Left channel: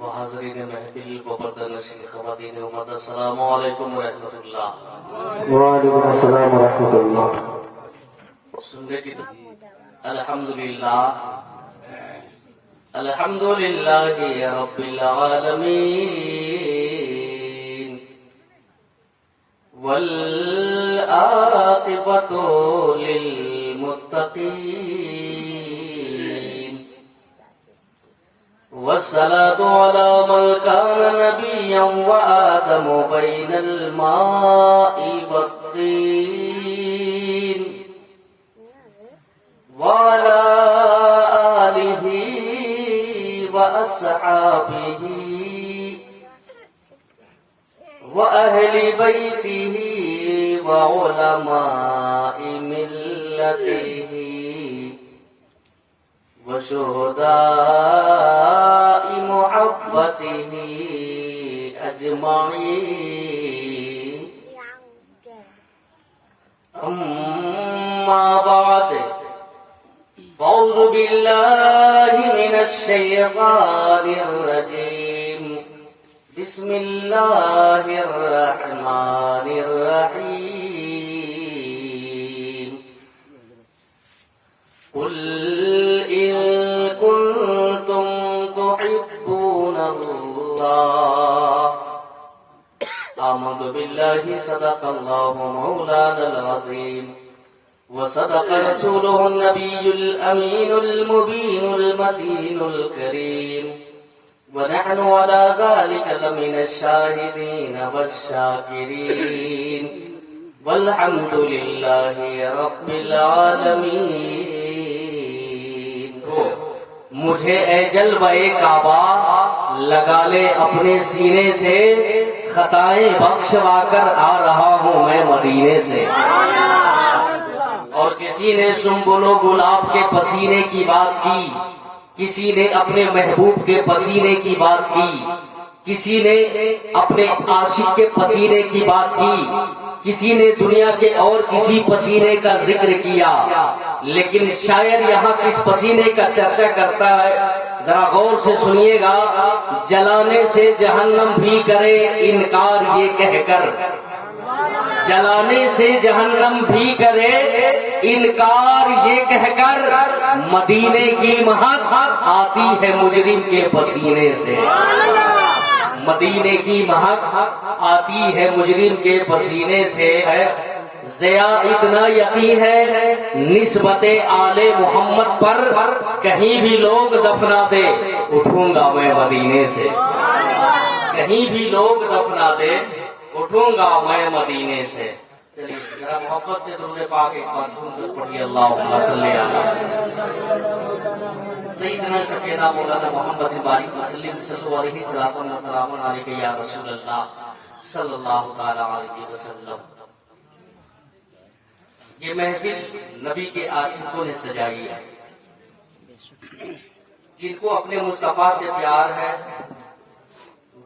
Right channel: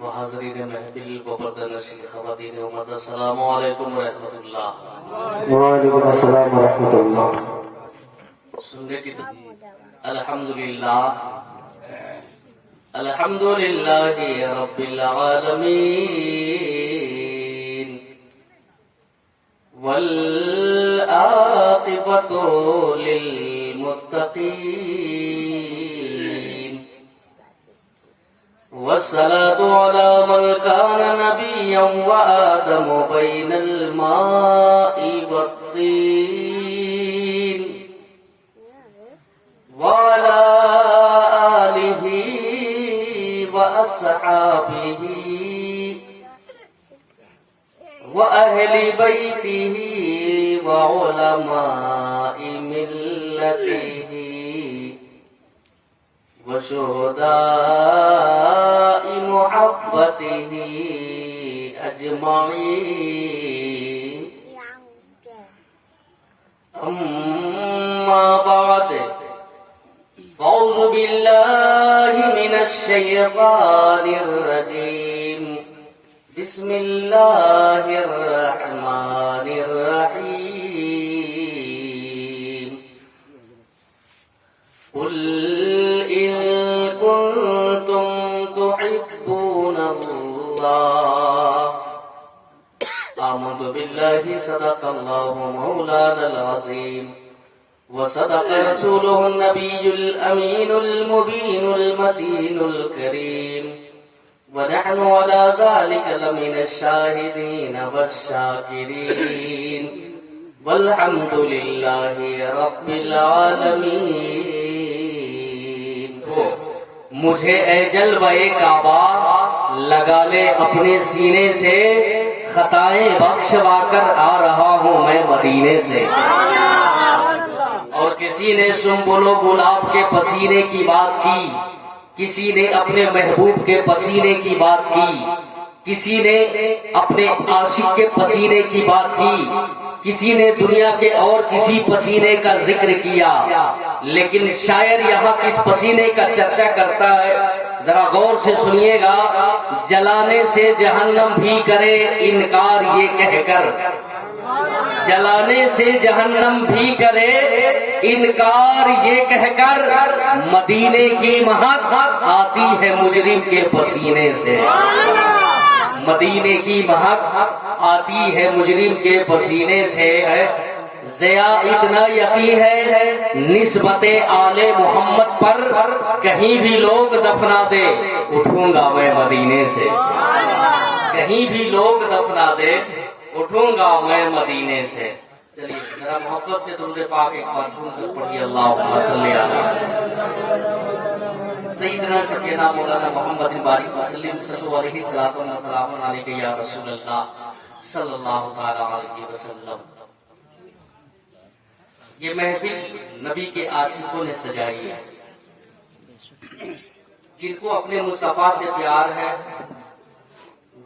وحاضرین محفل و پردہ نشین خواتین امت، السلام علیکم ورحمۃ اللہ۔ وعلیکم السلام ورحمۃ اللہ۔ سننے کی الحمدللہ الحمدللہ رب العالمین والعاقبۃ للمتقین والصلاة على من كان نبيا وآدم بين الماء والطين وعلى آله وأصحابه وأهل بيته وعلماء ملته وشهداء محبته أجمعين، أما بعد، أعوذ بالله من الشيطان الرجيم، بسم الله الرحمن الرحيم، قل إن كنتم تحبون الله آمنت بالله صدق الله مولانا العظيم وصدق رسوله النبي الأمين المبين المتين الكريم، ونحن على ذلك لمن الشاهدين والشاكرين، والحمد لله رب العالمين۔ مجھے اے جلوہ کعبہ لگا لے اپنے سینے سے، خطائیں بخشوا کر آ رہا ہوں میں مدینے سے۔ اور کسی نے سنبل و گلاب کے پسینے کی بات کی، کسی نے اپنے محبوب کے پسینے کی بات کی، کسی نے اپنے عاشق کے پسینے کی بات کی، کسی نے دنیا کے اور کسی پسینے کا ذکر کیا، لیکن شاعر یہاں کس پسینے کا چرچا کرتا ہے ذرا غور سے سنیے گا۔ جلانے سے جہنم بھی کرے انکار یہ کہہ کر، جلانے سے جہنم بھی کرے انکار یہ کہہ کر، مدینے کی مہک آتی ہے مجرم کے پسینے سے، مدینے کی مہک آتی ہے مجرم کے پسینے سے۔ ضیا اتنا یقین ہے نسبت آل محمد پر، کہیں بھی لوگ دفنا دے اٹھوں گا میں مدینے سے، کہیں بھی لوگ دفنا دے اٹھوں گا میں مدینے سے۔ چلیے ذرا محبت سے درود پاک ایک بار سن کر پڑھیے، اللہم صلی علی سیدنا شفیعنا مولانا محمد بارک وسلم، صلو علیہ الصلوۃ والسلام علیک یا رسول اللہ صلی اللہ تعالی علیہ وسلم۔ یہ محفل نبی کے عاشقوں نے سجائی ہے، جن کو اپنے مصطفیٰ سے پیار ہے،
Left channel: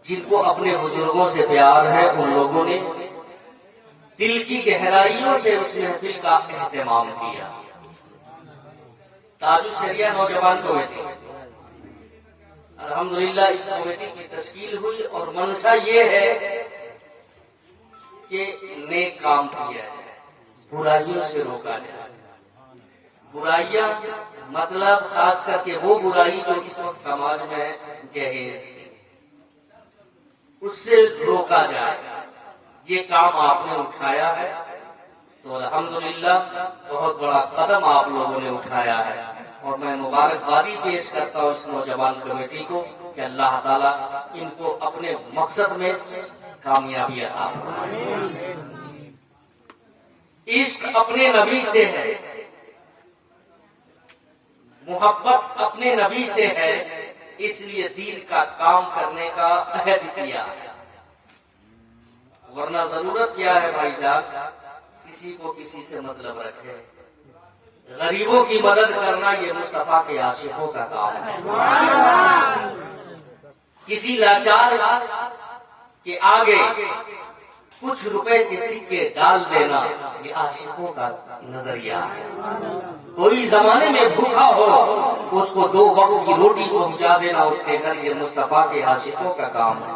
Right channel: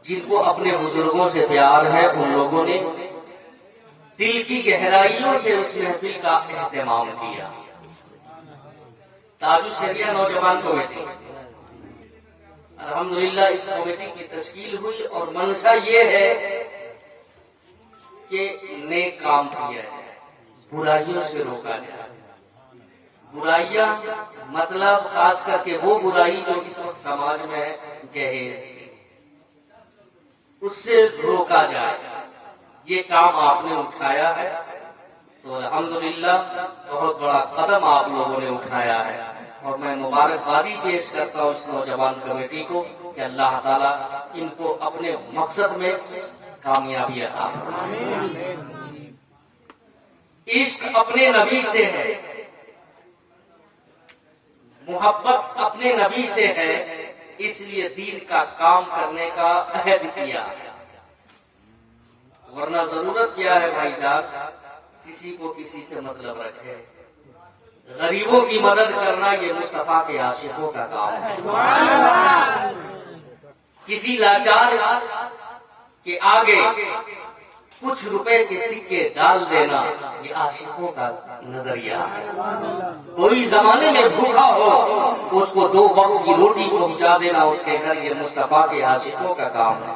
جن کو اپنے بزرگوں سے پیار ہے، ان لوگوں نے دل کی گہرائیوں سے اس محفل کا اہتمام کیا۔ تاج الشریعہ نوجوان کمیٹی، الحمدللہ اس کمیٹی کی تشکیل ہوئی اور منشا یہ ہے کہ نیک کام کیا ہے، برائیوں سے روکا جائے۔ برائیاں مطلب خاص کر کے وہ برائی جو اس وقت سماج میں ہے، جہیز، اس سے روکا جائے۔ یہ کام آپ نے اٹھایا ہے تو الحمدللہ بہت بڑا قدم آپ لوگوں نے اٹھایا ہے، اور میں مبارکبادی پیش کرتا ہوں اس نوجوان کمیٹی کو کہ اللہ تعالیٰ ان کو اپنے مقصد میں کامیابی عطا فرمائے۔ عشق اپنے نبی سے ہے، محبت اپنے نبی سے ہے، اس لیے دین کا کام کرنے کا عہد کیا ہے، ورنہ ضرورت کیا ہے بھائی صاحب، کسی کو کسی سے مطلب رکھے۔ غریبوں کی مدد کرنا یہ مصطفیٰ کے عاشقوں کا کام ہے۔ کسی لاچار کے آگے کچھ روپے کے سکے ڈال دینا یہ عاشقوں کا نظریہ ہے۔ کوئی زمانے میں بھوکا ہو اس کو 2 وقت کی روٹی پہنچا دینا اس کے گھر، یہ مصطفیٰ کے عاشقوں کا کام ہے۔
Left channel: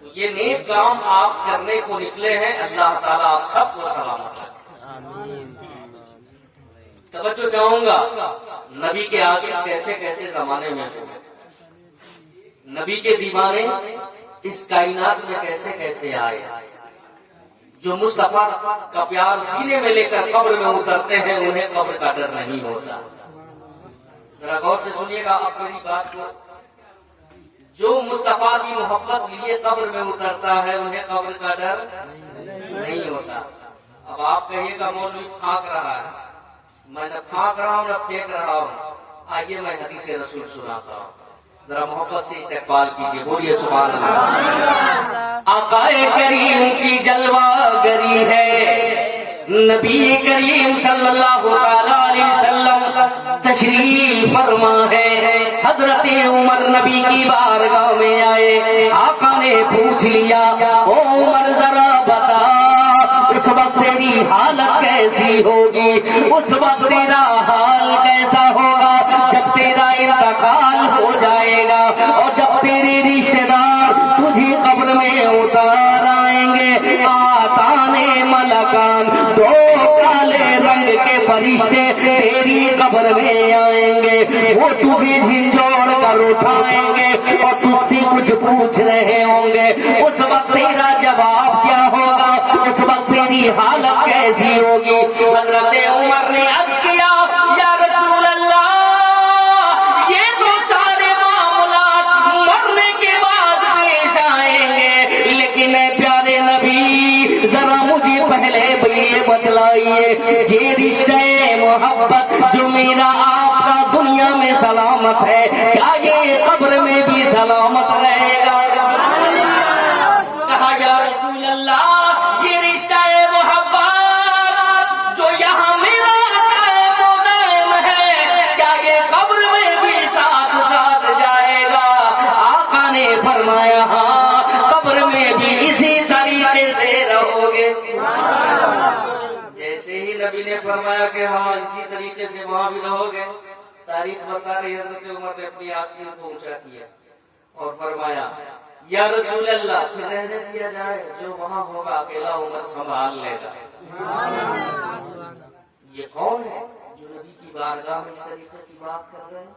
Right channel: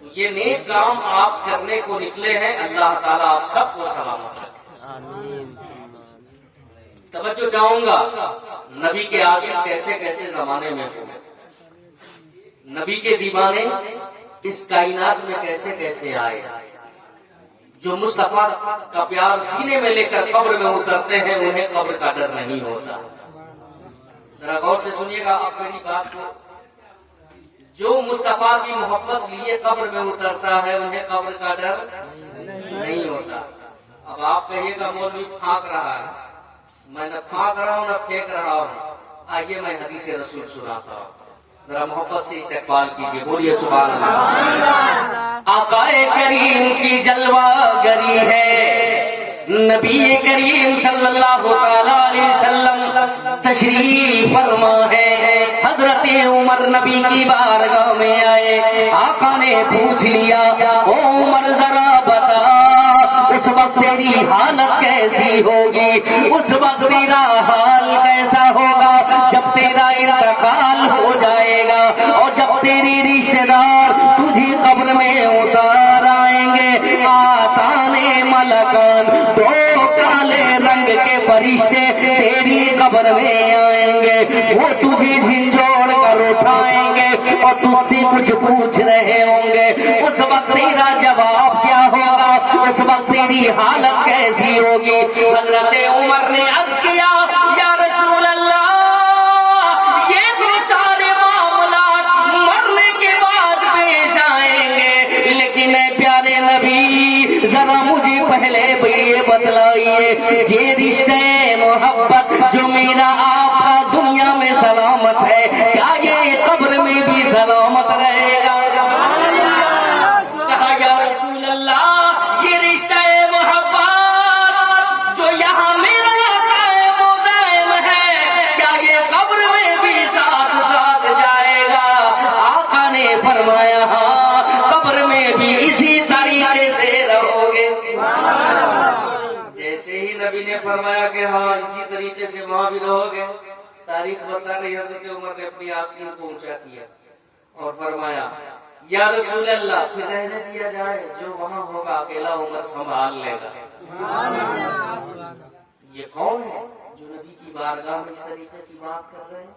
تو یہ نیک کام آپ کرنے کو نکلے ہیں، اللہ تعالیٰ آپ سب کو سلامت رکھے۔ توجہ چاہوں گا، نبی کے عاشق کیسے کیسے زمانے میں ہوئے، نبی کے دیوانے اس کائنات میں کیسے کیسے آئے، جو مصطفیٰ کا پیار سینے میں لے کر قبر میں اترتے ہیں انہیں قبر کا ڈر نہیں ہوتا۔ ذرا غور سے سنیے گا آپ میری بات کو، جو مصطفیٰ کی محبت لیے قبر میں اترتا ہے انہیں قبر کا ڈر نہیں ہوتا۔ اب آپ کہیے گا مولوی پھانک رہا ہے، میں نہ پھانک رہا ہوں نہ پھینک رہا ہوں، آئیے میں حدیث رسول سناتا ہوں، ذرا محبت سے استقبال کیجیے، بولیے سبحان اللہ۔ آقا کریم کی جلوہ گری ہے، نبی کریم صلی اللہ علیہ وسلم تشریف فرما ہے۔ حضرت عمر نبی کی بارگاہ میں آئے، آقا نے پوچھ لیا او عمر ذرا بتا اس وقت تیری حالت کیسی ہوگی، اس وقت تیرا حال کیسا ہوگا جب تیرا انتقال ہو جائے گا اور جب تیری رشتے دار تجھے قبر میں اتار آئیں گے، آتانے ملکان 2 کالے رنگ کے فرشتے تیری قبر میں آئیں گے، وہ تجھے جھنجھوڑ کر اٹھائیں گے اور تجھ سے کچھ پوچھ رہے ہوں گے، اس وقت تیرا جواب کیا ہوگا، اس وقت تیری حالت کیسی ہوگی؟ حضرت عمر نے عرض کیا یا رسول اللہ، یہ تو سارے معاملات مرنے کے بعد پیش آئیں گے، لیکن اے پیارے نبی ذرا مجھے پہلے یہ بتلائیے، یہ رشتہ محبت جو میرا آپ کا دنیا میں سلامت ہے، کیا یہ قبر میں بھی سلامت رہے گا؟ کہا یا رسول اللہ، یہ رشتہ محبت جو یہاں میرا قائم ہے، کیا یہ قبر میں بھی ساتھ ساتھ جائے گا؟ آقا نے فرمایا ہاں، قبر میں بھی اسی طریقے سے رہو گے۔ جیسے ہی نبی نے فرمایا کہ ہاں اسی طریقے سے وہاں بھی رہو گے، تاریخ بتا رہی حضرت عمر نے اپنی آستین کو اونچا کیا اور فرمایا یا رسول اللہ، پھر رہنے دیا جائے، جو وہاں ہوگا اکیلا عمر سنبھال لے گا۔ یہ کون ہے جو نبی کی بارگاہ میں اس طریقے کی بات کر رہے ہیں؟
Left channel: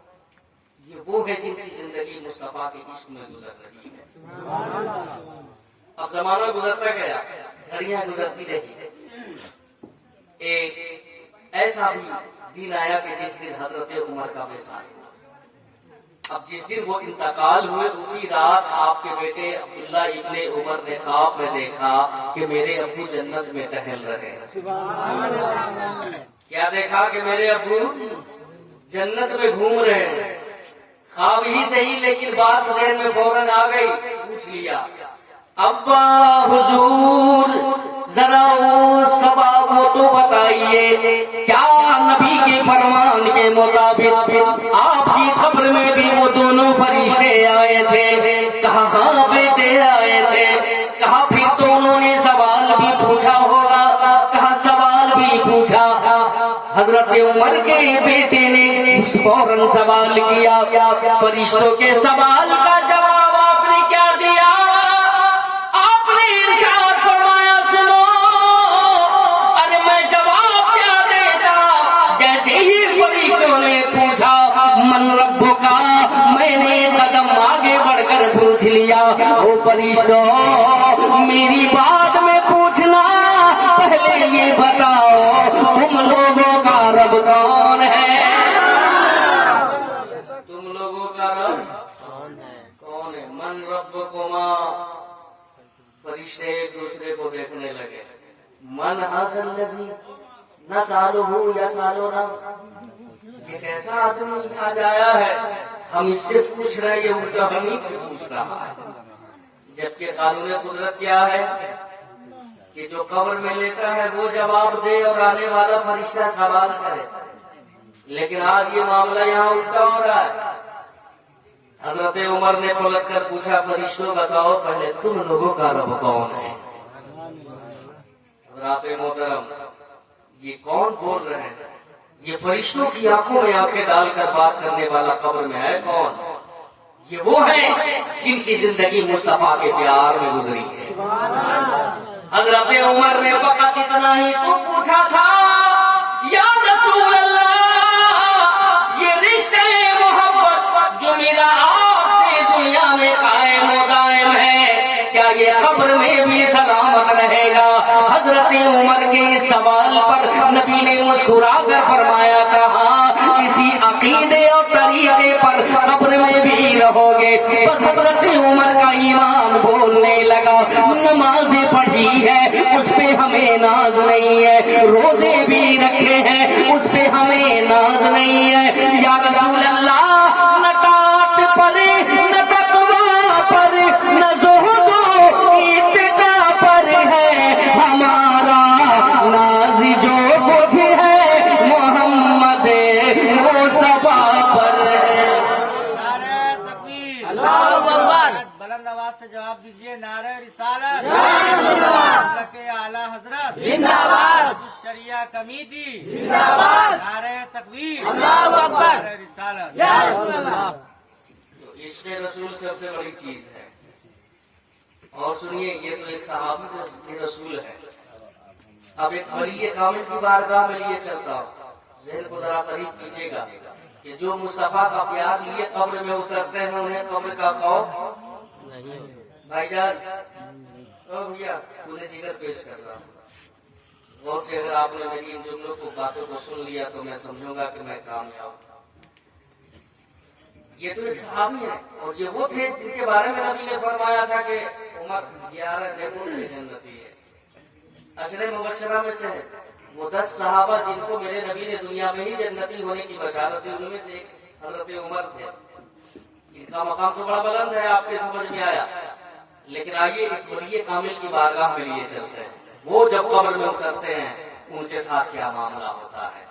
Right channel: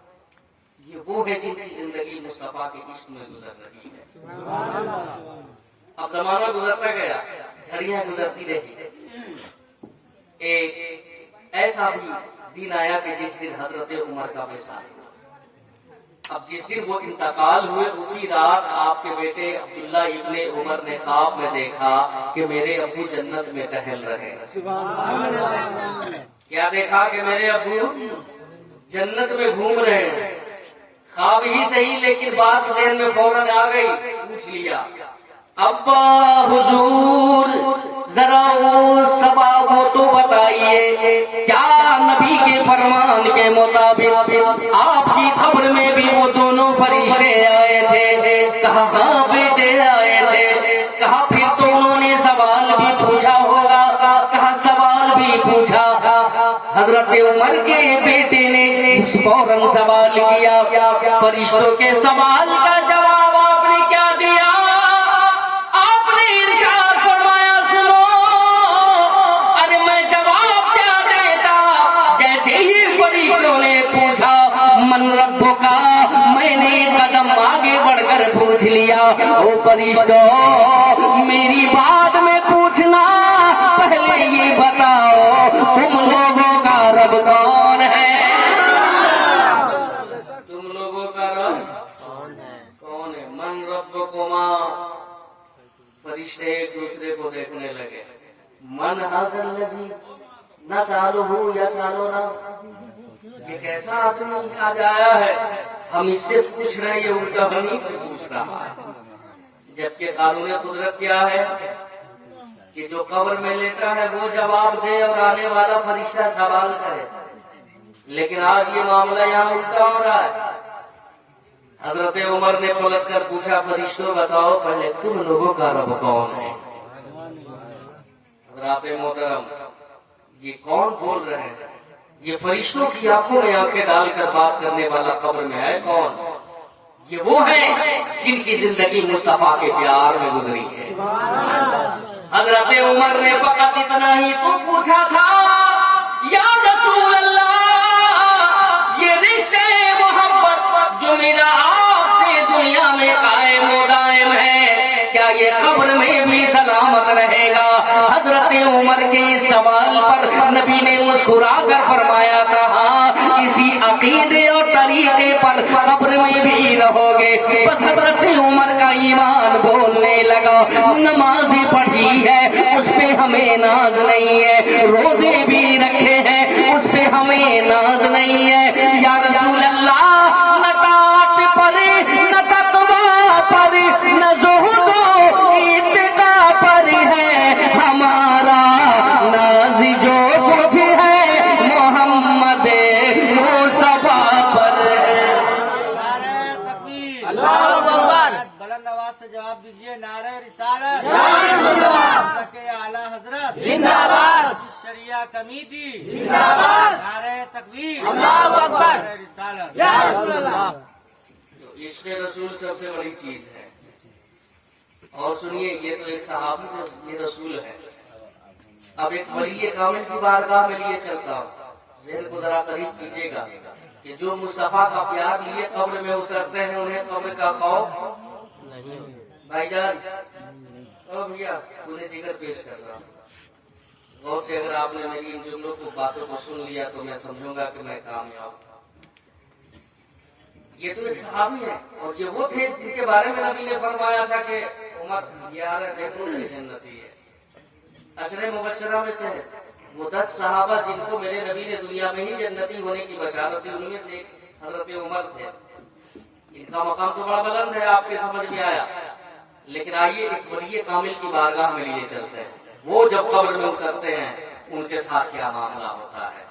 یہ وہ ہے جن کی زندگی مصطفیٰ کے عشق میں گزر رہی ہے۔ اب زمانہ گزرتا گیا، گھڑیاں گزرتی رہی، ایک ایسا بھی دن آیا کہ جس دن حضرت عمر کا وصال ہوا۔ اب جس دن وہ انتقال ہوئے اسی رات آپ کے بیٹے عبداللہ ابن عمر نے خواب میں دیکھا کہ میرے ابو جنت میں ٹہل رہے ہیں۔ کیا دیکھا کہ میرے ابو جنت میں گھوم رہے ہیں؟ خواب ہی صحیح لیکن بات ذہن میں فوراً آ گئی، پوچھ لیا ابا حضور ذرا وہ سبب تو بتائیے، کیا نبی کے فرمان کے مطابق آپ کی قبر میں بھی وہ دونوں فرشتے آئے تھے؟ کہا ہاں بیٹے آئے تھے۔ کہا پھر تو انہوں نے سوال بھی پوچھا ہوگا؟ کہا سوال بھی پوچھا۔ حضرت عمر کے بیٹے نے فوراً سوال کیا، فرشتوں کے سوال کا جواب آپ نے کیا دیا؟ من رب کا، میں نے قدم آگے بڑھ کر پوچھ لیا وہ فرشتوں میری بات میں پوچھنا، پہلے یہ بتاؤ تم لوگوں کا رب کون ہے؟ تم لوگوں کا رب کون ہے؟ من رب کو ماں، فرشتے ایک دوسرے کو دیکھنے لگے، من حاصل نسی نہ سالو ہو یا سالو نہ، یہ کیسا آدمی آج آیا ہے، ہم اس سے پوچھ رہے ہیں، یہ الٹا ہم ہی سے پوچھ رہا ہے۔ جبکہ قانون قدرت کیا ہے کہ جو قبر میں لیتا ہے وہ جواب دے اور آنے والا فرشتہ سوال کرے، لیکن آج یہ معاملہ یہاں الٹا ہو رہا ہے۔ حضرت عمر نے پلٹ کر پوچھا فرشتوں بتاؤ پہلے تم لوگوں کا رب کون ہے؟ حضرات محترم یہ کون بول رہے ہیں؟ یہ فرشتوں کی آنکھوں میں آنکھیں ڈال کر بات کرنے والا قبر میں ہے کون؟ یہ وہ ہیں جن کی زندگی مصطفیٰ کے پیار میں گزری ہے۔ حضرت عمر نے فقط اتنا ہی تو پوچھا تھا، یا رسول اللہ، یہ رشتے محبت جو میرا آپ سے دنیا میں قائم و دائم ہے، کیا یہ قبر میں بھی سلامت رہے گا؟ حضرت عمر کے اس سوال پر نبی نے مسکرا کر فرمایا تھا، ہاں، اسی عقیدے اور طریقے پر قبر میں بھی رہو گے۔ حضرت عمر کا ایمان بولنے لگا، نمازیں پڑھی ہے اس پہ ہمیں ناز نہیں ہے، روزے بھی رکھے ہیں اس پہ ہمیں ناز نہیں ہے، یا رسول اللہ، نہ ٹاٹ پر نہ تقویٰ پر نہ زہد و اتقا پر ہے ہمارا ناز، جو کچھ ہے محمد مصطفیٰ پر ہے۔ نعرہ تکبیر، اللہ اکبر۔ بلند آواز سے جواب دیجیے، نعرہ رسالت، اللہ کے اعلیٰ حضرت زندہ باد، شریعہ کمیٹی زندہ باد، نعرہ تکبیر، اللہ اکبر، نعرہ رسالت۔ یا رسول اللہ۔ تو عشق رسول سب سے بڑی چیز ہے۔ اور سنیے، یہ تو ایک صحابی یہ رسول ہے۔ اب ایک ولی کامل کی بارگاہ میں لیے چلتا ہوں، ذہن کو ذرا قریب کیجیے گا کہ جو مصطفیٰ کا پیار لیے قبر میں اترتے ہیں انہیں قبر کا خوف نہیں۔ بھائی جان، او بھیا، پورے جگر پیش کر رہا ہوں، غور سے اگر آپ نے میری ان جملوں کو باتوں کو سن لیا تو میں سمجھوں گا کہ میں کامیاب ہوں۔ یہ تو ایک صحابی ہے، اور یہ وہ تھے جن کے بارے میں نبی نے فرمایا تھا کہ عمر یار دیکھو یہ جنتی ہے۔ عشرہ مبشرہ میں سے ہے وہ 10 صحابہ جن کو میرے نبی نے دنیا میں ہی جنتی ہونے کی بشارت دی، ان میں سے ایک حضرت عمر تھے۔ ان کا مقام تو بڑا بلند ہے، آپ کے سمجھ میں آیا، لیکن آئیے ایک ولی کامل کی بارگاہ میں لیے چلتے ہیں۔ وہ جب قبر میں اترتے ہیں ان کے ساتھ کیا معاملہ ہوتا ہے،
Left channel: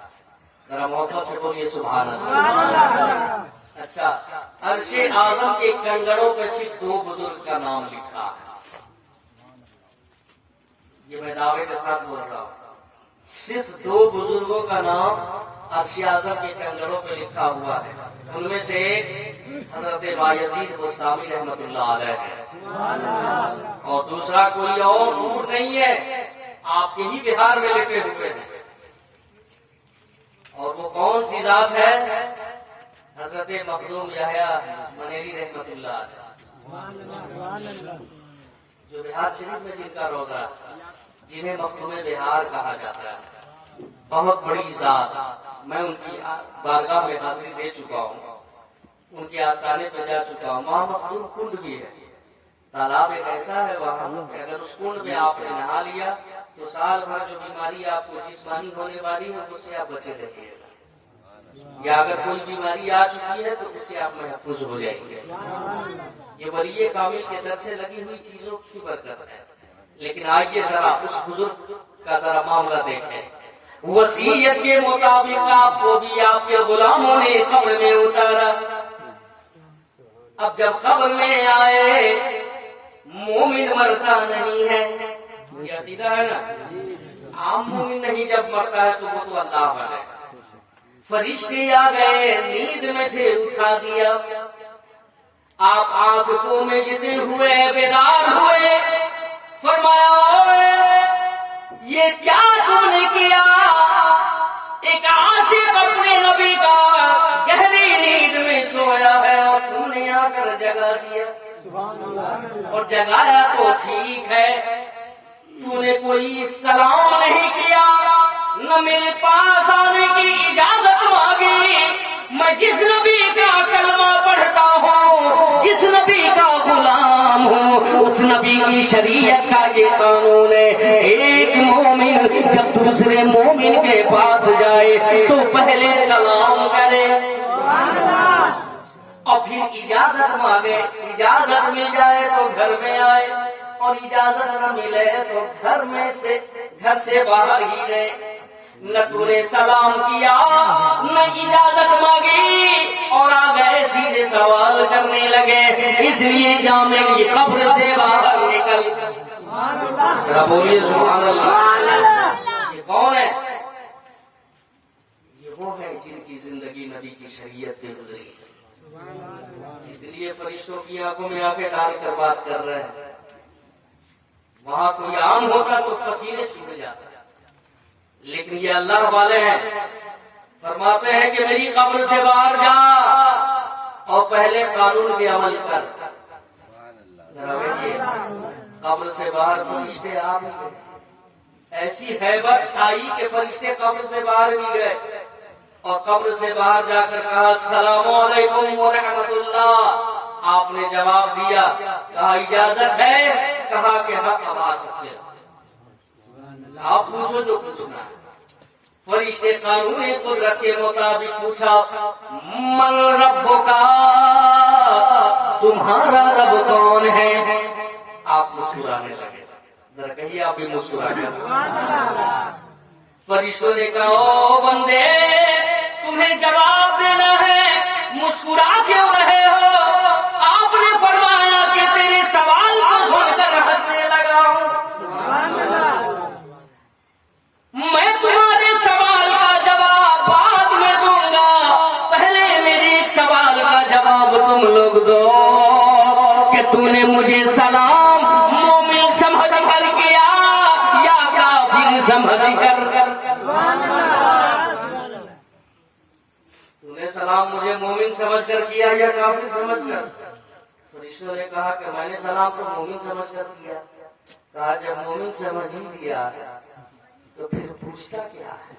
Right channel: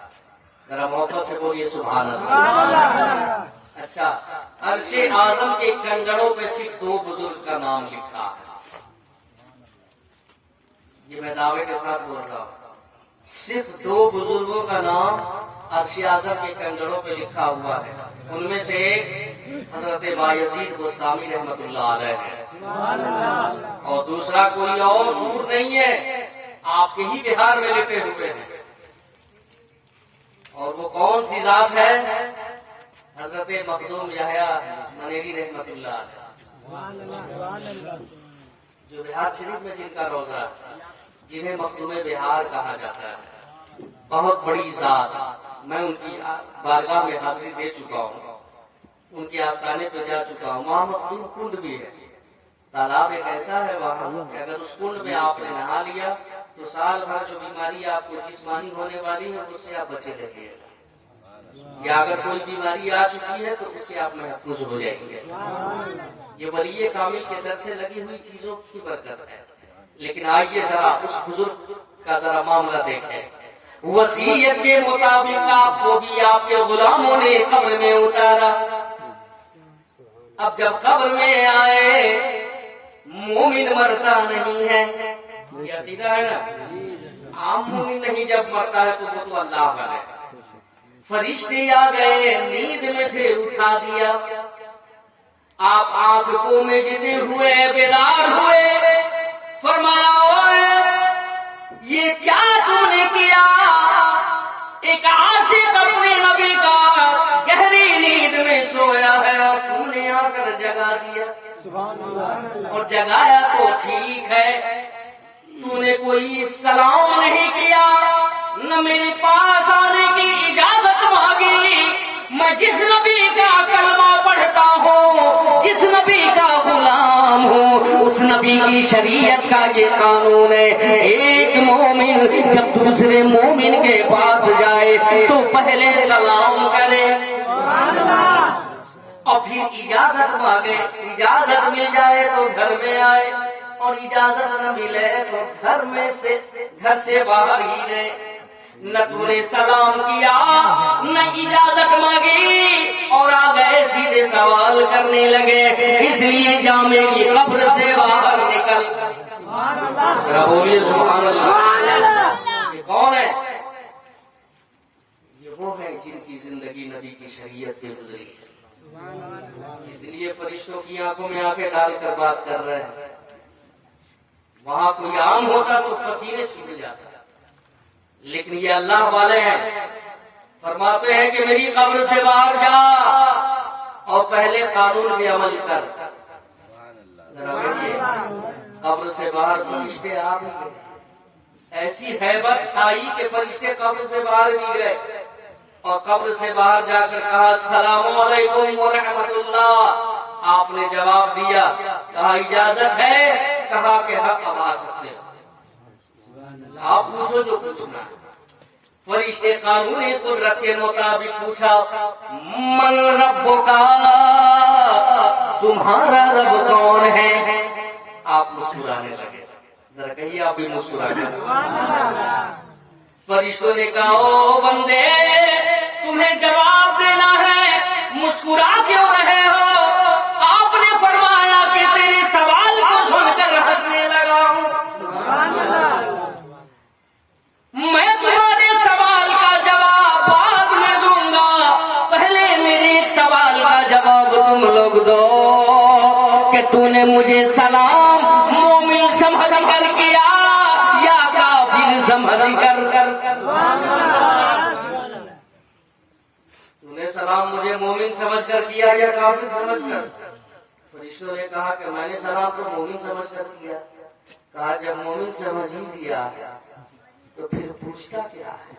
ذرا محبت سے بولیے سبحان اللہ۔ اچھا، عرش اعظم کے کنگڑوں پہ صرف 2 بزرگ کا نام لکھا ہے، یہ میں دعوے کے ساتھ بول رہا ہوں، صرف 2 بزرگوں کا نام عرش اعظم کے کنگڑوں پہ لکھا ہوا ہے۔ ان میں سے ایک حضرت بایزید بستامی رحمت اللہ علیہ ہے، اور دوسرا کوئی اور دور نہیں ہے، آپ کے ہی بہار میں لپٹے ہوئے ہیں۔ اور وہ کون سی ذات ہے؟ حضرت مخدوم یحییٰ منیری رحمت اللہ علیہ، جو بہار شریف میں جن کا روزہ، جنہیں مخدوم بہار کہا جاتا ہے، بہت بڑی ذات۔ میں ان کی بارگاہ میں حاضری دے چکا ہوں، ان کے آستانے پہ جا چکا ہوں۔ وہاں مخدوم کنڈ بھی ہے، تالاب ایک ایسا ہے وہاں، اگر اس کنڈ میں آپ نے نہا لیا تو سال بھر جو بیماری آپ کو جسمانی ہونے والی ہے اس سے آپ بچے رہیے گا، یا اگر کوئی بیماری آ چکی ہے تو اس سے آپ محفوظ ہو جائیں گے۔ یہ ولی کامل کے در سے لگی ہوئی چیزوں کی برکت ہے۔ لیکن آئیے ذرا اس بزرگ کا ذرا معاملہ دیکھیں۔ وصیت کے مطابق آپ کو بھی آپ کے غلاموں نے قبر میں اتارا۔ اب جب قبر میں آئے، مومن مرتا نہیں ہے، یہ عقیدہ ہے نا، عام مومن نہیں جب مرتا ہے تو وہ تو اللہ کا ہے۔ فرشتے آ گئے، نیند میں تھے اٹھا دیا، آپ آنکھوں میں جتے ہوئے بیدار ہوئے، فرمایا اوئے یہ کیا تم نے کیا؟ ایک عاشق اپنے نبی کا گہری نیند میں سویا ہے اور تم نے آ کر جگا دیا، اور جگایا تو ٹھیک ہے، تو نے کوئی سلام نہیں کیا، نہ میرے پاس آنے کی اجازت مانگی۔ میں جس نبی کا کلمہ پڑھتا ہوں، جس نبی کا غلام ہوں، اس نبی کی شریعت کا یہ قانون ہے، ایک مومن جب دوسرے مومن کے پاس جائے تو پہلے سلام کرے اور پھر اجازت مانگے، اجازت مل جائے تو گھر میں آئے، اور اجازت نہ ملے تو گھر سے باہر ہی رہے۔ نہ تو نے سلام کیا، نہ اجازت مانگی، اور آ گئے سیدھے سوال کرنے لگے، اس لیے جامع کی قبر سے باہر نکل۔ بولیے سبحان اللہ۔ یہ کون ہے؟ یہ وہ ہیں جن کی زندگی نبی کی شریعت پہ گزری ہے. اس لیے فرشتوں کی آنکھوں میں آنکھیں ڈال کر بات کر رہے ہیں. وہاں کوئی عام ہوتا تو پسینے چھوٹ جاتا، لیکن یہ اللہ والے ہیں، فرماتے ہیں کہ میری قبر سے باہر جا اور پہلے قانون پہ عمل کر. قبر سے باہر فرشتے آ بھی گئے، ایسی ہیبت چھائی کہ فرشتے قبر سے باہر بھی گئے اور قبر سے باہر جا کر کہا السلام علیکم ورحمۃ اللہ. آپ نے جواب دیا، کہا اجازت ہے، کہا کہ حق آ سکتے ہیں، آپ پوچھو جو پوچھنا ہے. فرشتے قانون قدرت کے مطابق پوچھا من ربک، تمہارا رب کون ہے؟ آپ مسکرانے لگے. ذرا کہیے آپ بھی مسکرانے لگے. فرشتوں نے کہا او بندے تمہیں جواب دینا ہے، مسکرا کیوں رہے ہو؟ آپ نے فرمایا کہ تیرے سوال کو سن کر ہنسنے لگا ہوں. میں تمہارے سوال کا جواب بعد میں دوں گا، پہلے میرے ایک سوال کا جواب تم لوگ دو کہ تو نے مجھے سلام مومن سمجھ کر کیا یا کافر سمجھ کر؟ تو نے سلام مجھے مومن سمجھ کر کیا یا کافر سمجھ کر؟ فرشتوں نے کہا کہ میں نے سلام کو مومن سمجھ کر کیا. کہا جب مومن سمجھ ہی دیا تو پھر پوچھتا کیا ہے؟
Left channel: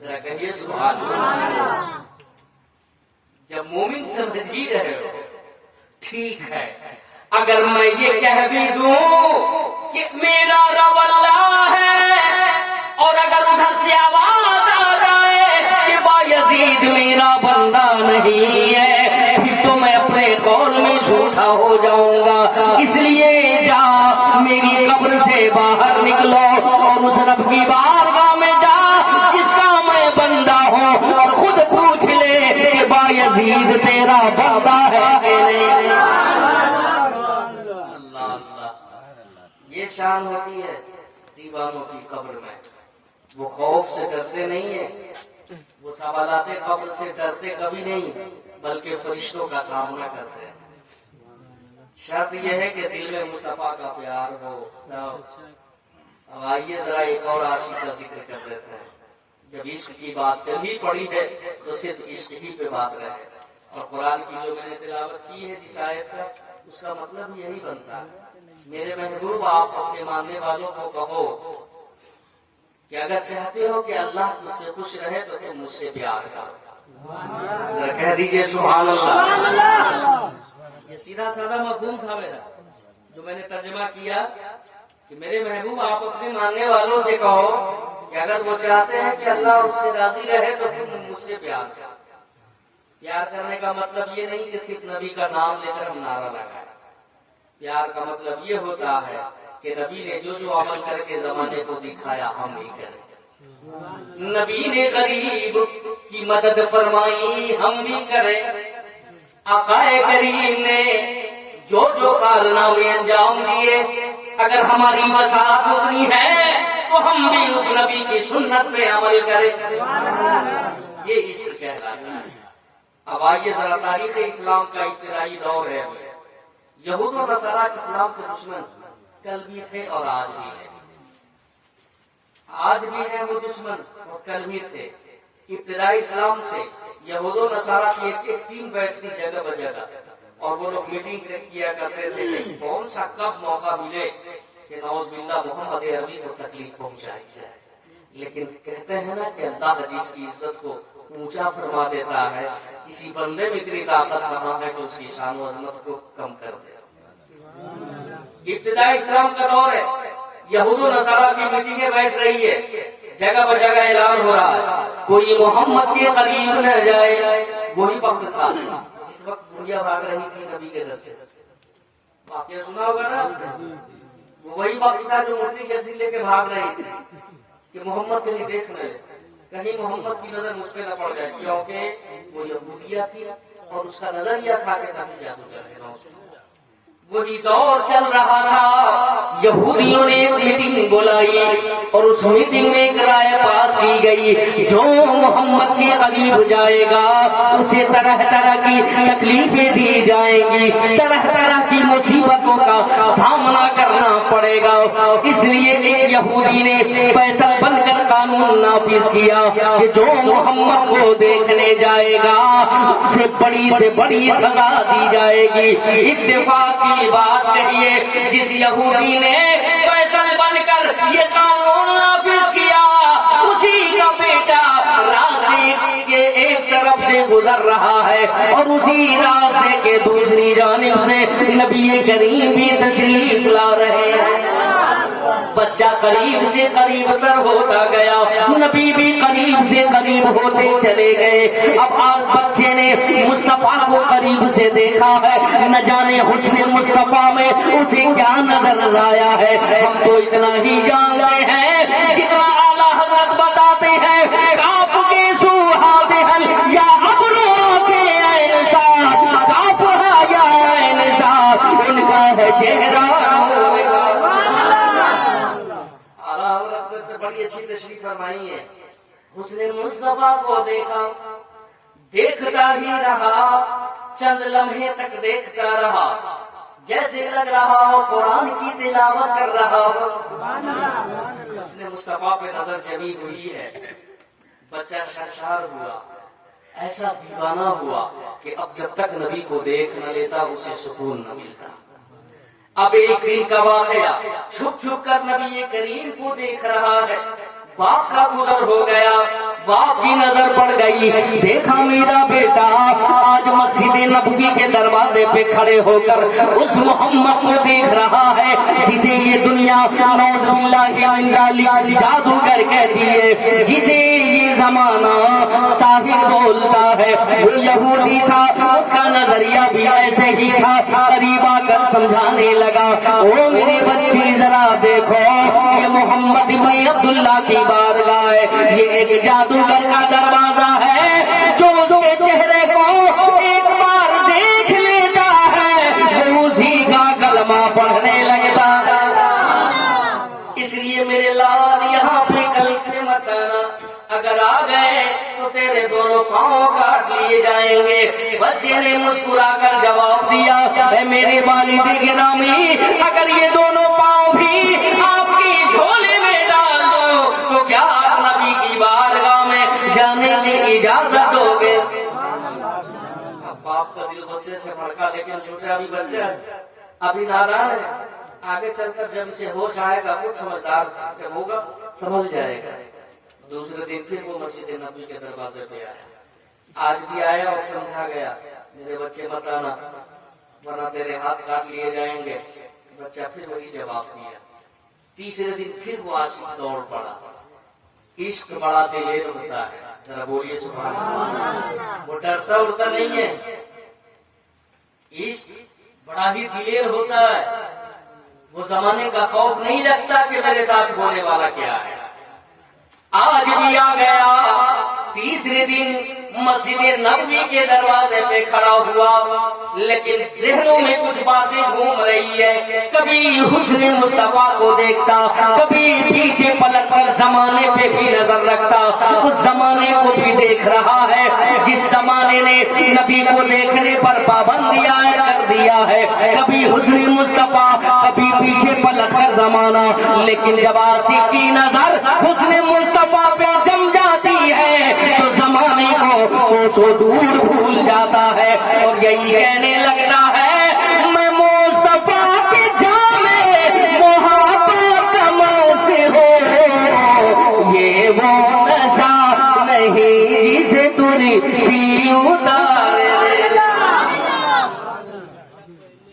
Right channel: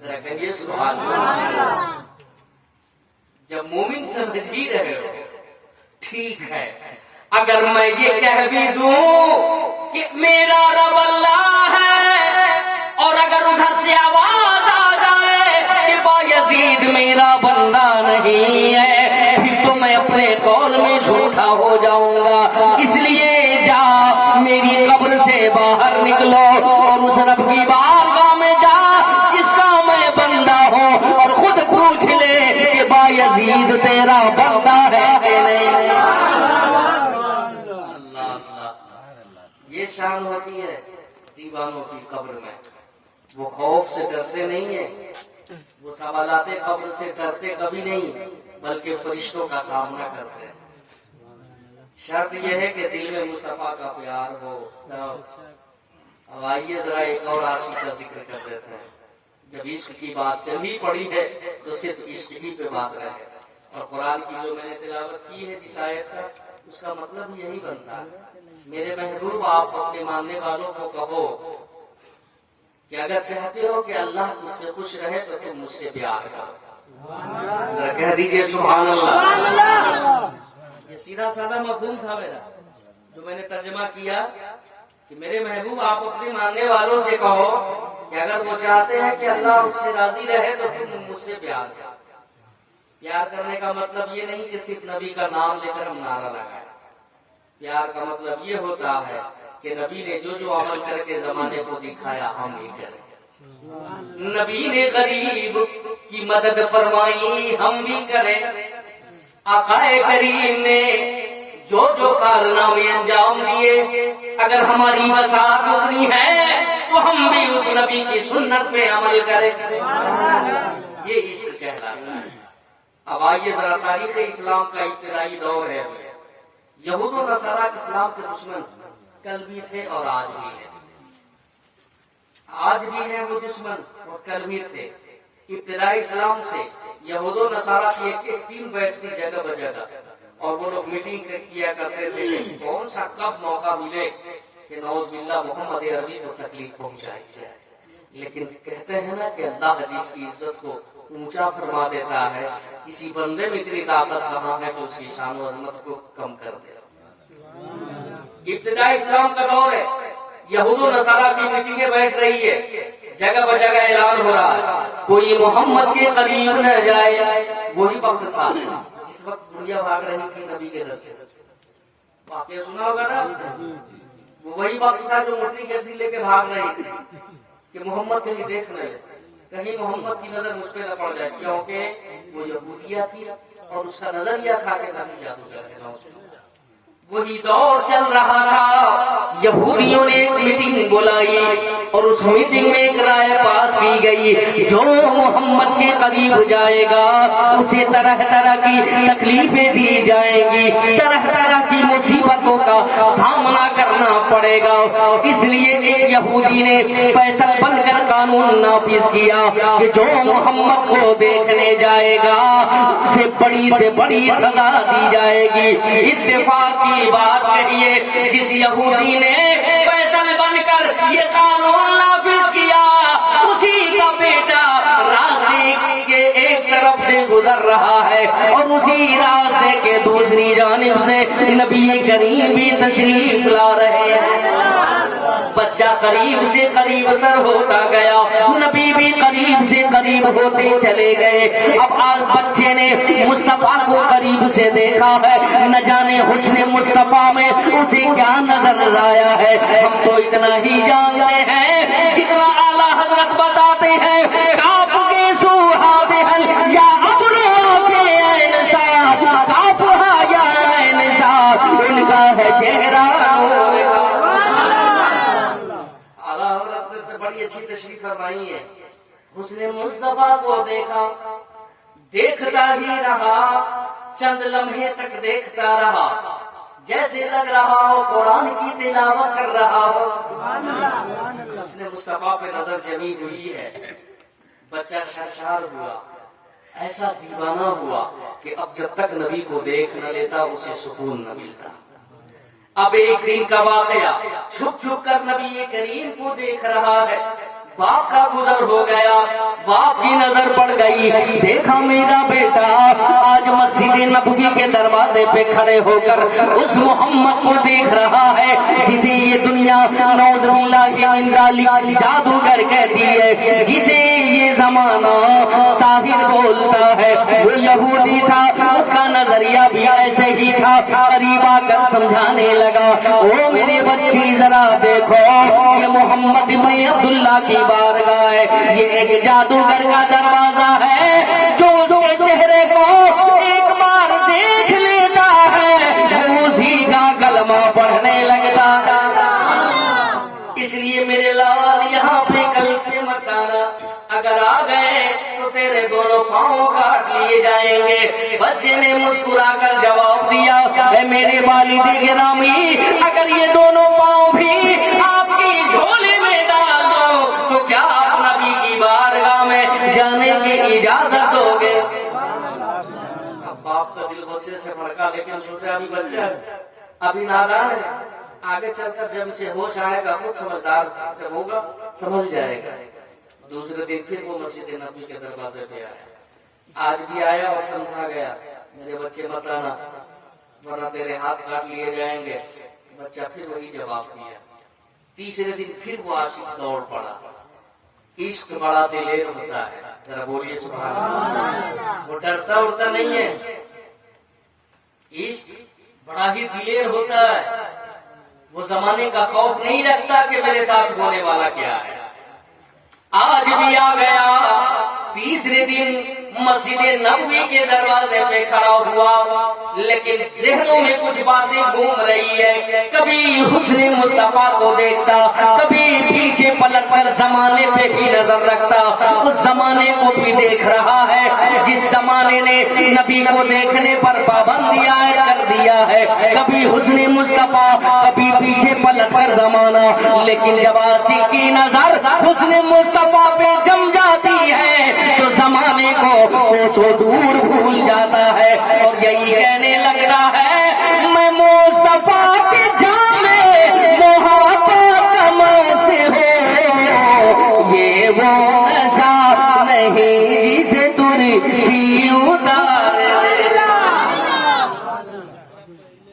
ذرا کہیے سبحان اللہ. جب مومن سمجھ ہی رہے ہو ٹھیک ہے، اگر میں یہ کہہ بھی دوں کہ میرا رب اللہ ہے اور اگر ادھر سے آواز آ جائے کہ بایزید میرا بندہ نہیں ہے، پھر تو میں اپنے قول میں جھوٹا ہو جاؤں گا. اس لیے جا میری قبر سے باہر نکلو اور اس رب کی بارگاہ میں جا جس کا میں بندہ ہوں اور خود پوچھ لے کہ بایزید تیرا بندہ ہے کہ نہیں. اللہ اللہ، یہ شان ہوتی ہے دیوانوں کی قبر میں. وہ خوف سے ڈرتے نہیں ہیں، وہ سوالات قبر سے ڈرتے کبھی نہیں، بلکہ فرشتوں کا سامنا کرتے ہیں. شرط یہ ہے کہ دل میں مصطفیٰ کا پیار ہو. اب آئیے ذرا ایک اور عاشق کا ذکر کر دیتے ہیں. جب عشق کی بات چلی پڑی ہے تو صرف عشق ہی پہ بات رہے. اور قرآن کی جو میں نے تلاوت کی ہے جس آیت کا، اس کا مطلب یہی بنتا ہے میرے محبوب آپ اپنے ماننے والوں کو کہو کہ اگر چاہتے ہو کہ اللہ تجھ سے خوش رہے تو تم مجھ سے پیار کرو. کہہ دیجیے سبحان اللہ. یہ سیدھا سادہ مفہوم تھا میرا جو میں نے ترجمہ کیا کہ میرے محبوب آپ اپنے ماننے والوں سے کہو کہ اگر وہ چاہتے ہیں کہ اللہ اس سے راضی رہے تو تم مجھ سے پیار کرو. پیار کرنے کا مطلب یہ نہیں کہ صرف نبی کا نام لے کر ہم نعرہ لگائیں. پیار کا مطلب یہ ہوتا ہے کہ نبی نے جو جو عمل کر کے زمانے کو دکھایا ہم بھی کریں. نبی نے غریب کی مدد فرمائی ہم بھی کریں. آقا کریم نے جو جو کارنامے انجام دیے اگر ہماری مساعت اتنی ہے تو ہم بھی اس نبی کی سنت پہ عمل کریں. یہ عشق کہلاتا ہے. اب آئیے ذرا تاریخ اسلام کا ابتدائی دور ہے. یہود و نصارہ اسلام کے دشمن کل بھی تھے اور آج بھی ہیں. آج بھی ہیں وہ دشمن اور کل بھی تھے. ابتدائی اسلام سے یہود و نصارہ کی ایک ٹیم بیٹھتی جگہ بجگہ اور وہ لوگ میٹنگ کیا کرتے تھے کہ کون سا کب موقع ملے کہ نعوذ باللہ محمد عربی کو تکلیف پہنچائی جائے. لیکن کہتے ہیں نا کہ اللہ جس کی عزت کو اونچا فرما دیتا ہے کسی بندے میں اتنی طاقت کہاں ہے تو اس کی شان و عظمت کو کم کر دے. ابتدائی اسلام کا دور ہے. یہود و نصارہ کی میٹنگیں بیٹھ رہی ہے، جگہ بجگہ اعلان ہو رہا ہے کوئی محمد کے قریب نہ جائے. وہی وقت تھا جس وقت دنیا بھاگ رہی تھی نبی کے در سے. واقعہ سنا ہوگا نا. وہی وقت تھا جو مٹی کے لے کے بھاگ رہی تھی کہ محمد کہیں دیکھ رہے کہیں محمد کی نظر مجھ پہ نہ پڑ جائے، کیونکہ وہ یہودیہ تھی اور اس کا نظریہ تھا کہ کہیں جادوگر ہے. وہی دور چل رہا تھا. یہودیوں نے ایک میٹنگ بلائی اور اس میٹنگ میں ایک رائے پاس کی گئی، جو محمد کے قریب جائے گا اسے طرح طرح کی تکلیفیں دی جائیں گی، طرح طرح کی مصیبتوں کا سامنا کرنا پڑے گا۔ اس لیے ایک یہودی نے فیصل بن کر قانون نافذ کیا کہ جو محمد کو دیکھنے جائے گا اسے بڑی سے بڑی سزا دی جائے گی۔ اتفاق کی بات کہیے، جس یہودی نے فیصل بن کر یہ قانون نافذ کیا، اسی کا بیٹا راستے کے ایک طرف سے گزر رہا ہے اور اسی راستے کے دوسری جانب سے نبی کریم بھی تشریف لا رہے ہیں۔ بچہ قریب سے قریب تر ہوتا گیا، نبی بھی قریب سے قریب ہوتے چلے گئے۔ اب آج بچے نے مصطفیٰ کو قریب سے دیکھا ہے، نہ جانے حسن مصطفیٰ میں اسے کیا نظر آیا ہے۔ ہم تو اتنا ہی جانتے ہیں جتنا اعلیٰ حضرت بتاتے ہیں، کاف کے سوہادہل یا ابرو کے انسان، کافرہ یا انسان، ان کا ہے چہرہ۔ بڑی اچھی تشریف فرمائی ہے۔ حسن مصطفیٰ کو دیکھا، دیکھتا ہی رہا، چند لمحے تک دیکھتا رہا، جیسے لگ رہا ہو قرآن کی تلاوت کر رہا ہو۔ حسن مصطفیٰ پہ نظر جمی ہوئی ہے، بچہ سرشار ہوا، ایسا دیوانہ ہوا کہ اب جب تک نبی کو دیکھ نہ لیتا اسے سکون نہ ملتا۔ اب ایک دن کا واقعہ، چھپ چھپ کر نبی کریم کو دیکھ رہا ہے۔ باپ کا گزر ہو گیا، باپ کی نظر پڑ گئی، دیکھا میرا بیٹا آج مسجد نبوی کے دروازے پہ کھڑے ہو کر اس محمد کو دیکھ رہا ہے جسے یہ دنیا نعوذ باللہ من ذالک جادوگر کہتی ہے، جسے یہ زمانہ ساحر بولتا ہے۔ وہ یہودی تھا، اس کا نظریہ بھی ایسے ہی تھا۔ قریب آ کر سمجھانے لگا، او میرے بچے ذرا دیکھو، یہ محمد ابن عبداللہ کی بارگاہ ہے، یہ ایک جادوگر کا دروازہ ہے، جو اس کے چہرے کو ایک بار دیکھ لیتا ہے وہ اسی کا کلمہ پڑھنے لگتا ہے۔ اس لیے میرے لال یہاں پہ کل سے مت آنا، اگر آ گئے تو تیرے دونوں پاؤں کاٹ لیے جائیں گے۔ بچے نے مسکرا کر جواب دیا، اے میرے والد گرامی، اگر یہ دونوں پاؤں بھی آپ کی جھولے میں ڈال دو تو کیا آپ نبی کی بارگاہ میں جانے کی اجازت دو گے؟ اب باپ کا دل غصے سے بھڑکا، لیکن سوچا ابھی بچہ ابھی نادان ہے، آگے چل کر جب اسے ہوش آئے گا خود سمجھدار جب ہوگا سمجھ جائے گا۔ دوسرے دن پھر وہ مسجد نبی کے دروازے پہ آیا، آج بھی آیا اور سمجھا گیا، میرے بچے مت آنا ورنہ تیرے ہاتھ کاٹ لیے جائیں گے۔ بچہ پھر وہی جواب دیا۔ تیسرے دن پھر وہ عاشق دوڑ پڑا۔ عشق بڑا دلیر ہوتا ہے، ذرا بولیے سبحان اللہ۔ وہ ڈرتا اڑتا نہیں ہے، عشق بڑا ہی دلیر ہوتا ہے، وہ زمانے کا خوف نہیں رکھتا کہ میرے ساتھ ہونے والا کیا ہے۔ آج بھی آ گیا، تیسرے دن مسجد نبوی کے دروازے پہ کھڑا ہوا، لیکن ذہنوں میں کچھ باتیں گھوم رہی ہے، کبھی حسن مصطفیٰ کو دیکھتا، کبھی پیچھے پلٹ کر زمانے پہ بھی نظر رکھتا، اس زمانے کو بھی دیکھ رہا ہے جس زمانے نے نبی کو دیکھنے پر پابندیاں کر دیا ہے، کبھی حسن مصطفیٰ کبھی پیچھے پلٹ کر زمانہ، لیکن جب عاشق کی نظر حسن مصطفیٰ پہ جم جاتی ہے تو زمانے کو سو دور بھول جاتا ہے، اور یہی کہنے لگتا ہے میں مصطفیٰ کے جامے محبت کا نوش ہو، یہ وہ نشہ نہیں جسے تجھی اتارے۔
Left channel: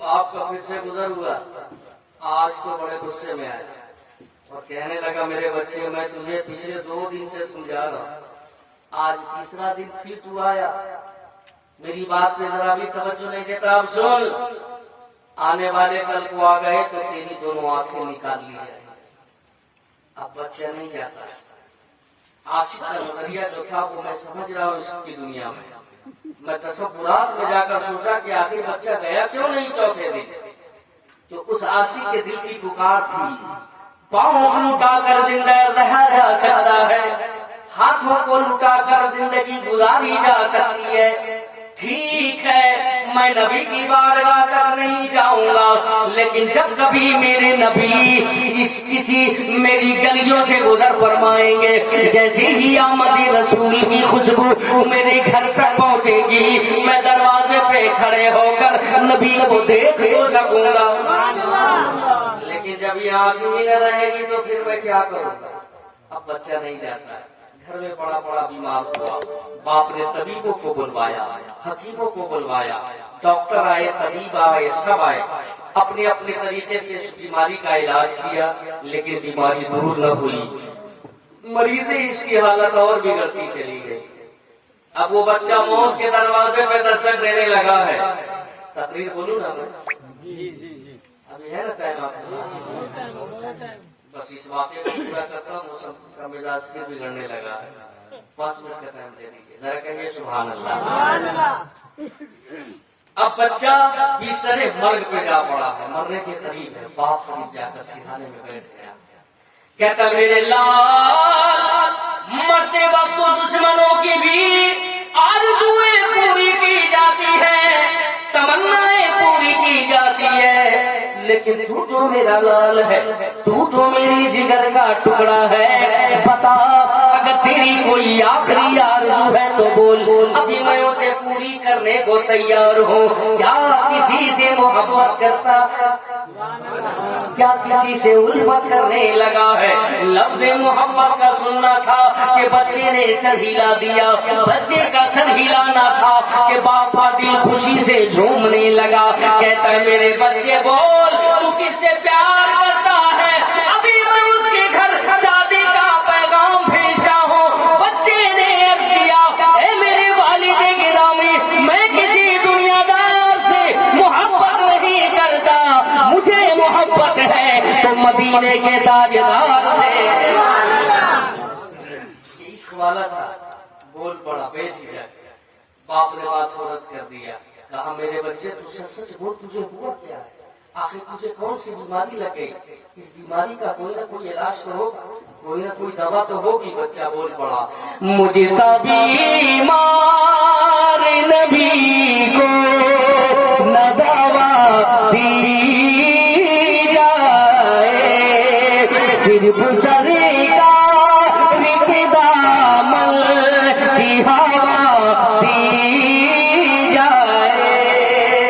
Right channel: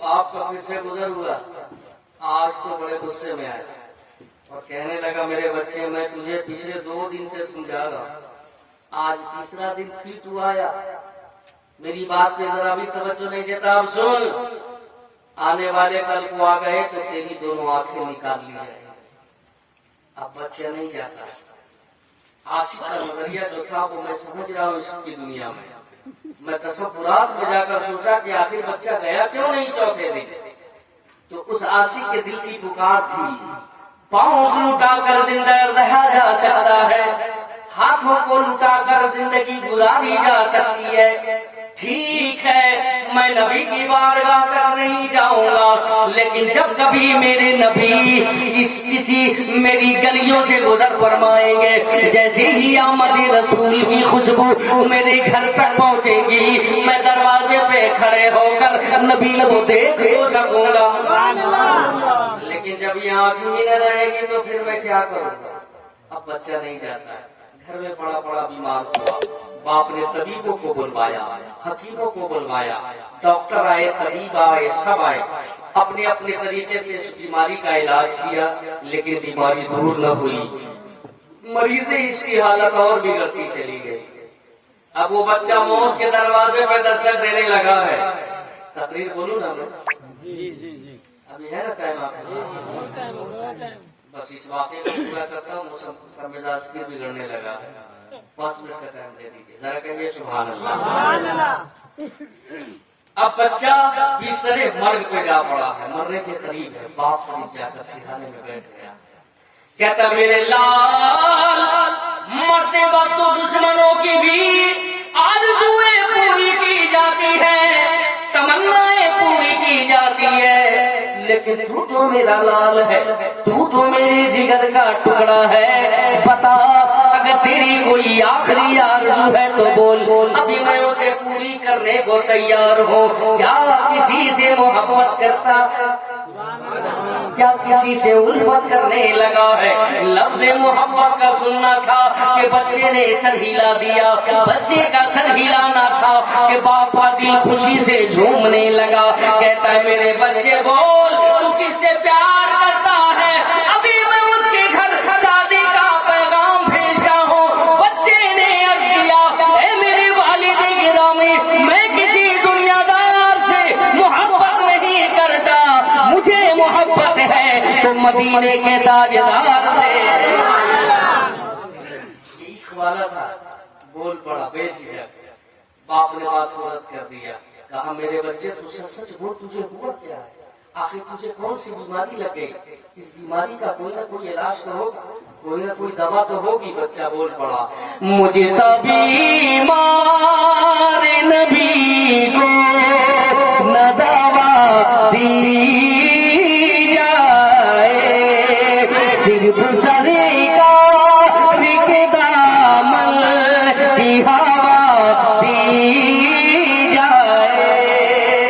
آپ کا پھر سے گزر ہوا، آج تو بڑے غصے میں آئے اور کہنے لگا میرے بچے میں تجھے پچھلے 2 دن سے سمجھا رہا، آج تیسرا دن پھر تو آیا، میری بات پہ ذرا بھی توجہ نہیں دیتا۔ اب سن، آنے والے کل کو آ گئے تو تیری دونوں آنکھیں نکال لی جائیں۔ اب بچہ نہیں جاتا، عاشق کا نظریہ جو تھا وہ میں سمجھ رہا ہوں اس کی دنیا میں تصورات میں جا کر سوچا کہ آخر بچہ گیا کیوں نہیں چوتھے دن، تو اس عاشق کے دل کی پکار تھی پاؤں لٹا کر زندہ رہا جا سکتا ہے، ہاتھوں کو لٹا کر زندگی گزاری جا سکتی ہے۔ ٹھیک ہے میں نبی کی بارگاہ تک نہیں جاؤں گا، لیکن جب کبھی میرے نبی کسی میری گلیوں سے گزر فرمائیں گے، جیسے ہی آمد رسول کی خوشبو میرے گھر تک پہنچے گی، میں دروازے پہ کھڑے ہو کر نبی کو دیکھ ہو سکوں گا۔ لیکن جب یہ آنکھ ہی نہ رہے گی تو پھر میں کیا کروں گا؟ اب بچہ نہیں جاتا ہے، گھر میں بڑا بڑا بیمار ہوا، باپ نے طبیبوں کو بلوایا، حکیموں کو بلوایا، ڈاکٹر آئے، طبیب آئے، سب آئے، اپنے اپنے طریقے سے اس بیماری کا علاج کیا، لیکن بیماری دور نہ ہوئی، مریض اس کی حالت اور بگڑتی چلی گئی۔ اب وہ بچہ موت کے دروازے پہ دستک دینے لگا ہے۔ تقریر بولوں نا میں؟ ابھی ہے نا ٹائم آپ کو؟ بس اس واقعے کو پورا کرتا ہوں، موسم کا مزاج پھر بگڑنے لگا ہے۔ 5 منٹ کا ٹائم دے دیجیے، ذرا کہیے سبحان اللہ۔ اب بچہ اس طرح مرگ پہ جا پڑا ہے، مرنے کے قریب ہے، باپ قریب جا کر سکھانے میں بیٹھ گیا، کہتا میرے لال مرتے وقت تو دشمنوں کی بھی آرزوئیں پوری کی جاتی ہے، تمنائیں پوری کی جاتی ہے، لیکن تو جو میرا لال ہے، تو جو میری جگر کا ٹکڑا ہے، بتا اگر تیری کوئی آخری آرزو ہے تو بول، ابھی میں اسے پوری کرنے کو تیار ہوں۔ کیا کسی سے محبت کرتا ہے؟ کیا کسی سے الفت کرنے لگا ہے؟ لفظ محبت کا سننا تھا کہ بچے نے سر ہلا دیا، بچے کا سر ہلانا تھا کہ باپ کا دل خوشی سے جھومنے لگا، کہتا ہے میرے بچے بول تو کس سے پیار کرتا ہے، ابھی میں اس کے گھر شادی کا پیغام بھیج رہا ہوں۔ بچے نے عرض کیا اے میرے والد گرامی، میں کسی دنیا دار سے محبت نہیں کرتا، مجھے محبت ہے تو مدینے کے تاجدار سے۔ عشق والا تھا، بول پڑا بے جھجک۔ باپ نے بات کو رد کر دیا، کہا میرے بچے تو سچ بول، تجھے ہوا کیا ہے؟ آخر تجھے کون سی بیماری لگے؟ اس بیماری کا کوئی نہ کوئی علاج تو ہوگا، کوئی نہ کوئی دوا تو ہوگی۔ بچہ بول پڑا مجھے سبھی مار نبی کو نہ دوا دی جائے، صرف سری کا دامن کی ہوا دی جائے۔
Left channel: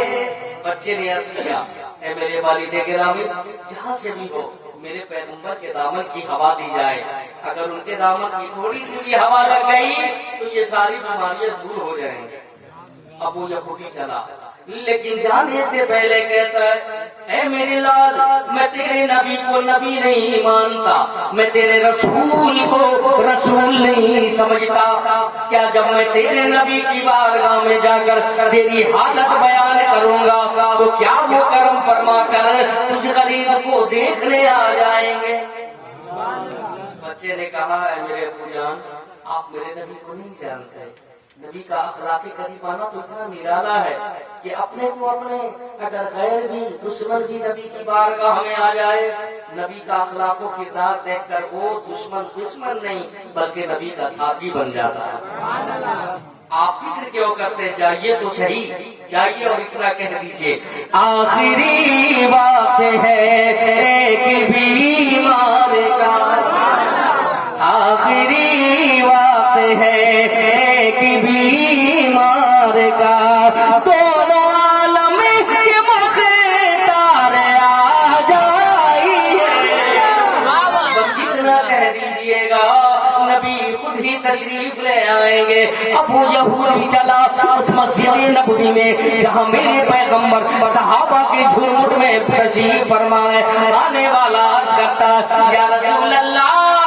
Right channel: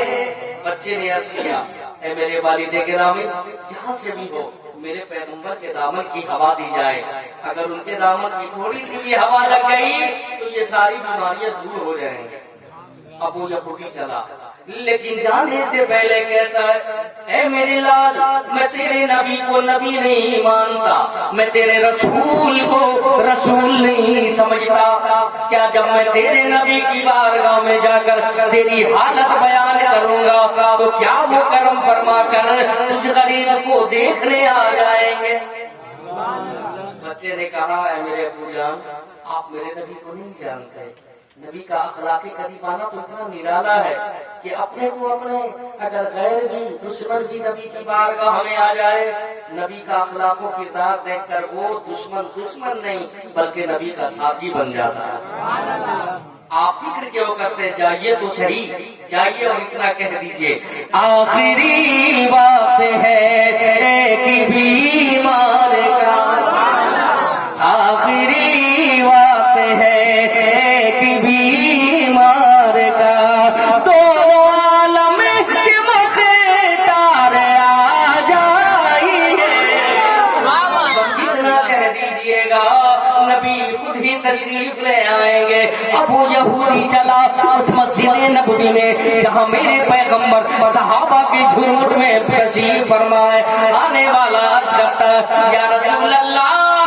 بچے نے عرض کیا اے میرے والد گرامی، جہاں سے بھی ہو میرے پیغمبر کے دامن کی ہوا دی جائے، اگر ان کے دامن کی تھوڑی سی بھی ہوا لگ گئی تو یہ ساری بیماریاں دور ہو جائیں گے۔ ابو یہودی چلا، لیکن جانے سے پہلے کہتا ہے اے میرے لال، میں تیرے نبی کو نبی نہیں مانتا، میں تیرے رسول کو رسول نہیں سمجھتا، کیا جب میں تیرے نبی کی بارگاہ میں جا کر تیری حالت بیان کروں گا تو کیا وہ کرم فرما کر تجھ غریب کو دیکھنے آ جائیں گے؟ بچے نے کہا اے میرے ابو جان، آپ میرے نبی کو نہیں جانتے، نبی کا اخلاقی قریبانہ تو اتنا نرالا ہے کہ اپنے تو اپنے اگر غیر بھی دشمن بھی نبی کی بارگاہ میں آ جائے، نبی کا اخلاق و کردار دیکھ کر وہ دشمن نہیں بلکہ نبی کا ساتھی بن جاتا ہے۔ آپ فکر کیوں کرتے؟ جائیے تو صحیح، جائیے اور اتنا کہہ دیجئے آخری بات ہے کہ بیمار کا، آخری بات ہے کہ بیمار کا، دونوں عالم کے مختار آ جائیے۔ بس اتنا کہہ دیجئے گا، نبی خود ہی تشریف لے آئیں گے۔ ابو یہودی چلا اس مسجد نبوی میں جہاں میرے پیغمبر صحابہ کے جھوٹ میں تشریف فرمائے، آنے والا عرض کرتا یا رسول اللہ